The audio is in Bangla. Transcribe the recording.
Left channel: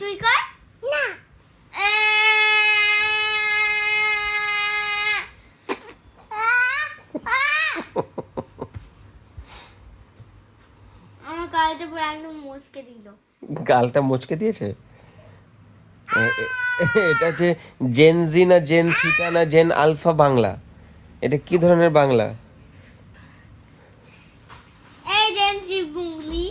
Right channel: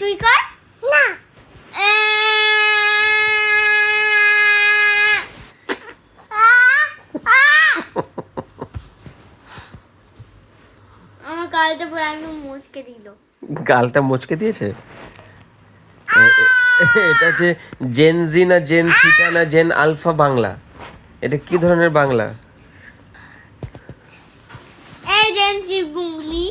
তুই কর না আমার গালটা পুরো একদম মুচকে দিল। গালটা মুচকে দিয়েছে। এটা যে জেন জি না জেন থিটা না জেন আলফা বাংলা, এটা কি ধরনের বাংলা? এই জেন জি বুবলি